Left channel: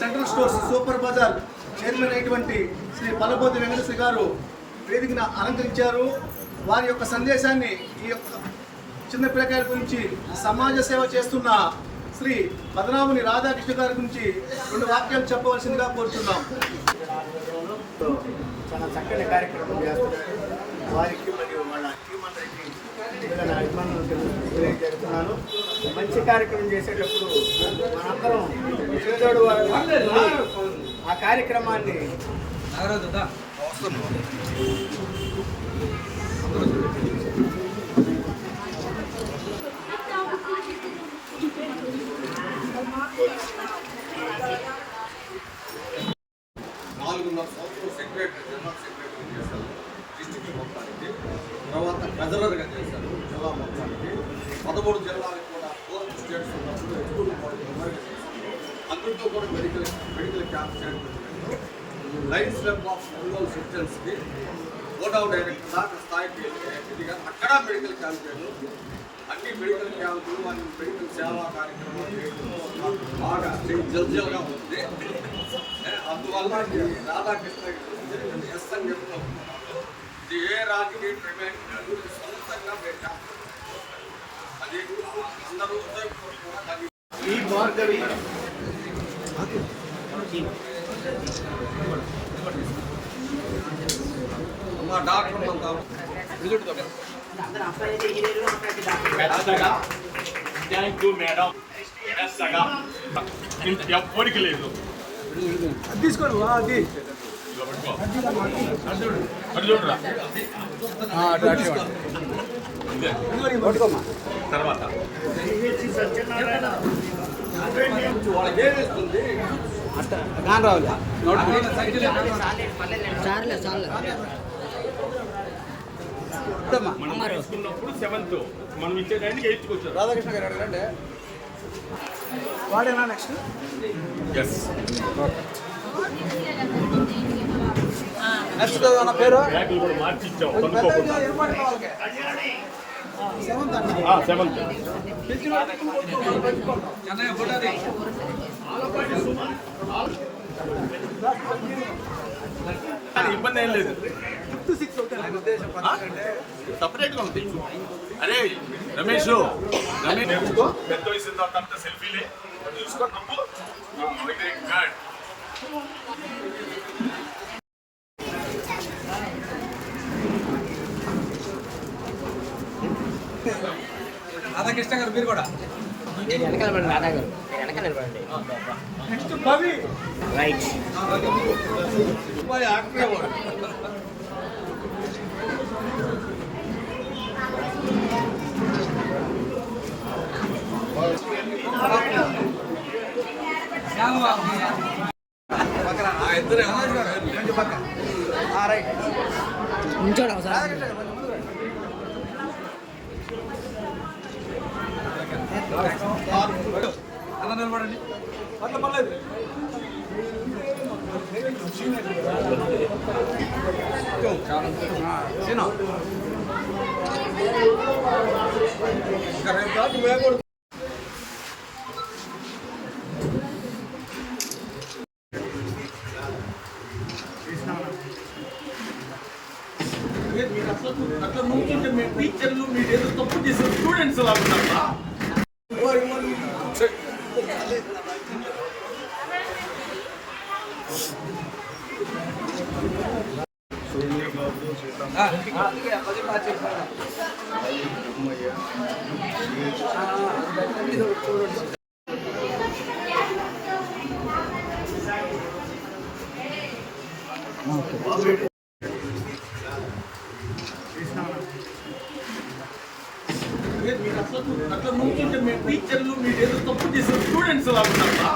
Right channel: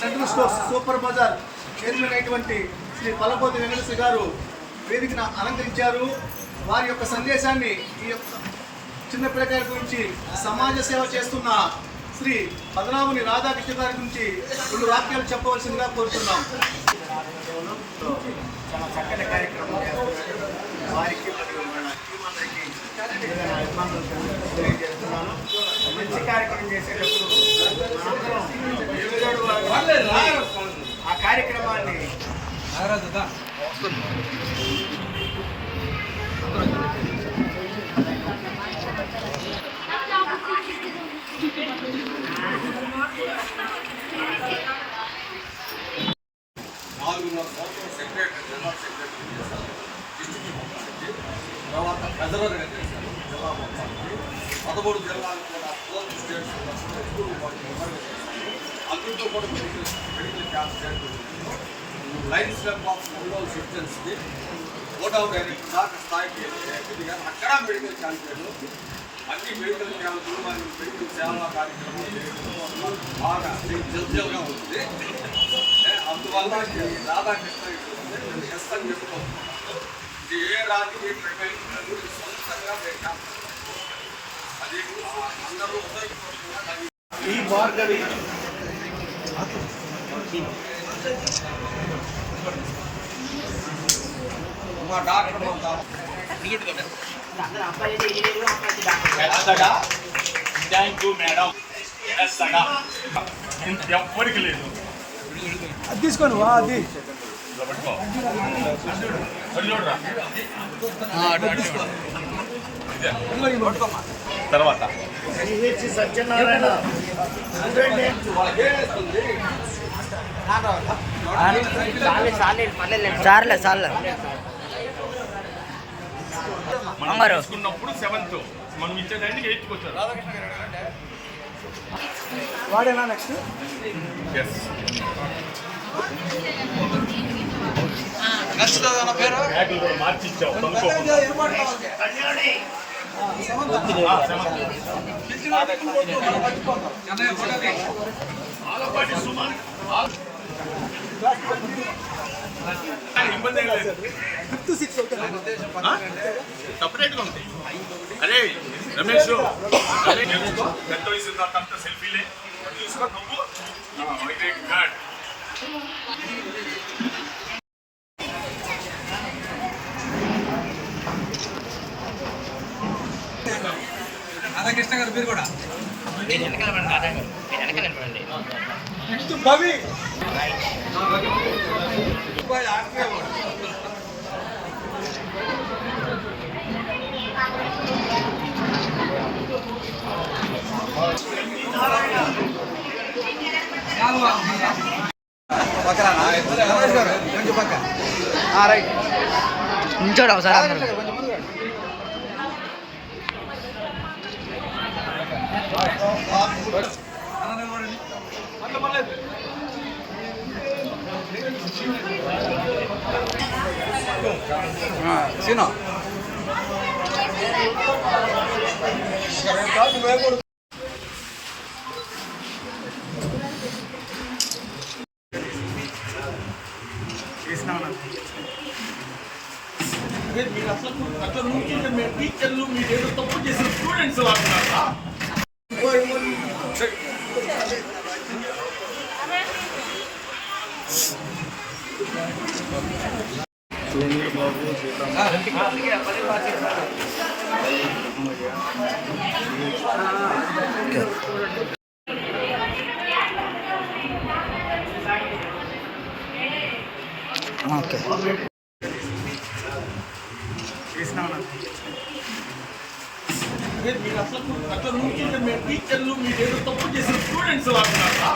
Central stores super Bazar chairman అయినటువంటి శ్రీ పల్లపోతి వెంకటేశ్వర గారు వేదికను అలంకరించారు. వారి యొక్క సందేశాన్ని ఈ యొక్క చిన్న పిల్లకాయల గురించి సమాజ సేవ చేస్తున్న శ్రీ పద్మనాభుని రాధాకృష్ణ గారి గురించి 2 వాక్యాలు చెప్పవలసిందిగా కోరుతున్నాం. చాలా చక్కని కార్యక్రమం చేస్తున్నారు. వారికి మరియు మన తెలియజేస్తున్నాను. మంచి కార్యక్రమం చేసేటప్పుడు ఆ కార్యక్రమాన్ని జనరల్ సెక్రటరీ చేశారు, డిస్ట్రిక్ట్ మొత్తానికి. తర్వాత ట్రెజరర్గా చేశారు జిల్లా మొత్తానికి. 13 జిల్లాలకు కూడా 4 స్టేట్స్ ఉన్నప్పుడు ఎక్కువ మెంబర్గా చేశారు. అందరితో కూడా మెడికల్ క్యాంప్ చేయడం. లైన్స్ క్లబ్ ఆఫ్ ఒంగోలు సిటిజన్స్కి బోర్డ్ ఆఫ్ డైరెక్టర్ దాకా స్థాయికి ఎదిగారు. అక్కడ మెడికల్ క్యాంప్ చేయడం, అన్ని మెడికల్ క్యాంపులు మరియు మెడికల్ సేవా కార్యక్రమాలు చేయడం బాగా జల్జల్గా ఉంది. అందువల్ల రాధాకృష్ణ ఎస్ అని చెప్తూ ఇది ఏ రాజకీయ ప్రమేయం సొంతంగా అది అందరూ ఉదయపూర్వకంగా ఈ మార్గడి మా డాక్టర్ థ్యాంక్ యూ మేడం. ఎవ్వరికి లేదు తీసుకోండి. అది చూడరా తర్వాత చార్లే చార్లే మనం తీసుకున్నప్పుడు 7th మనం ఇచ్చేదాన్ని 8th వచ్చారు. రాధాకృష్ణ గారు అడగండి. వాడేనా నెక్స్ట్? ఎస్ నా పేరు బ్యాగులు కూడా మార్చి ఇచ్చావు. ఇబ్బంది ఏం లేదు. సపరేట్గా ఉంది. అరే రమేష్ పెద్ద వయసు తర్వాత సెల్ఫీలే తీసుకో. రాధాకృష్ణ గారు మీరు కూడా వెనకాల నిలబడండి. రైట్ నించోడు ఒకసారి అందరూ. మీరు అట్లా నుంచుంటే మేము టీచర్లు మీరు ఏదో తప్పు చేసిన స్టూడెంట్స్ వాడుతున్నారా? ఓకే మీరు అట్లా నుంచుంటే మేము టీచర్లు మీరు ఏదో తప్పు చేసిన స్టూడెంట్స్ వాడుతున్నారా?